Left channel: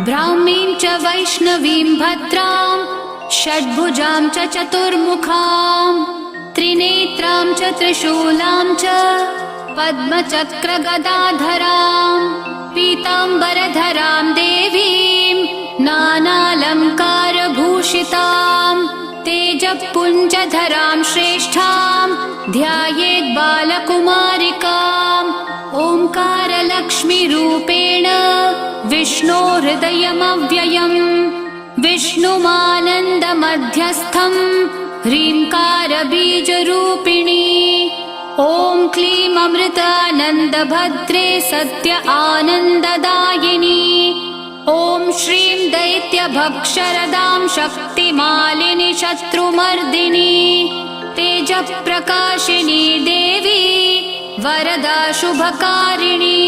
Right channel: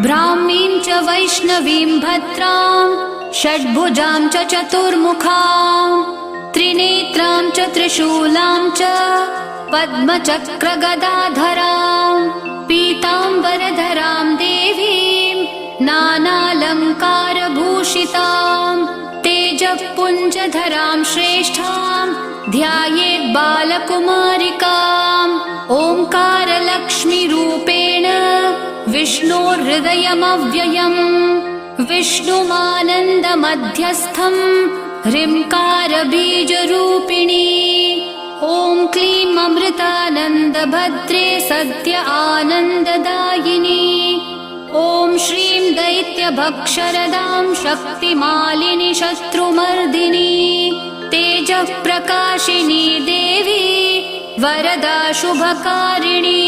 ब्राह्मीं च वैष्णवीं भद्रां षड्भुजां च चतुर्मुखां त्रिनेत्रां च त्रिशूलां च पद्मचक्रगदाधरां पीताम्बरधरां देवीं नानालङ्कारभूषितां तेजःपुञ्जधरां श्रेष्ठां ध्यायेत् बालकुमारिकाम् ओङ्कारलक्ष्मीरूपेण विष्णोर्हृदयमव्ययम् विष्णुमानन्दमध्यस्थम् ह्रीङ्कारबीजरूपिणी ॐ क्लीं अमृतानन्दभद्रे सत्य आनन्ददायिनी ॐ श्रीं दैत्यभक्षरदां शक्तिमालिनि शत्रुमर्दिनी तेजःप्रकाशिनी देवी वरदा शुभकारिणी।